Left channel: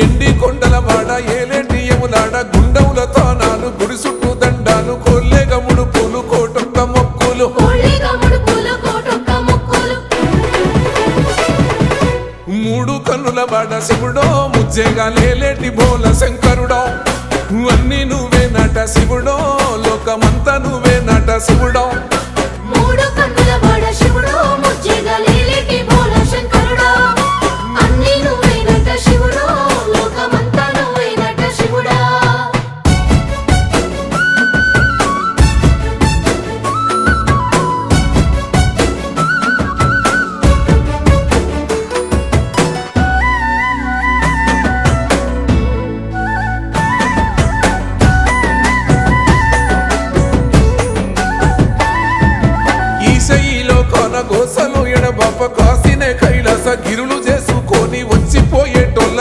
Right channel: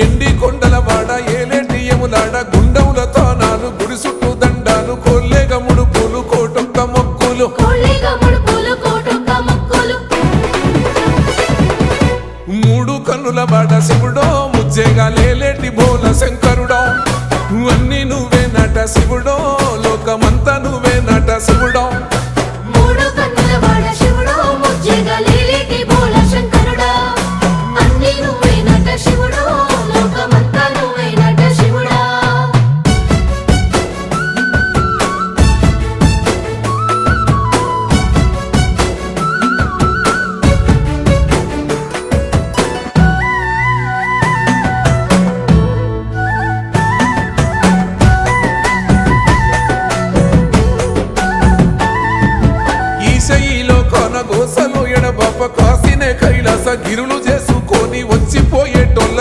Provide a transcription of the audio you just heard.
ఎండి కొండల వాడ ఏలేటి యములాడ గుండముల తానాలు గుడి చుట్టూ దండాలు కొల్లేగ ముడుపులు కోటొక్క మొక్కులు మూడు కన్నుల వాడ శివుడో ముజ్జేగా లేలేటి బోల శంకరుడో అన్ని నువ్వే నట శివుడో లోకమంతా నువ్వే నట శివుడో ఈశయిలో కొనగోసలు ఎడబాప కాసినే కైలాస గిరులు చేసుకొని వచ్చిపోయేటోళ్ళ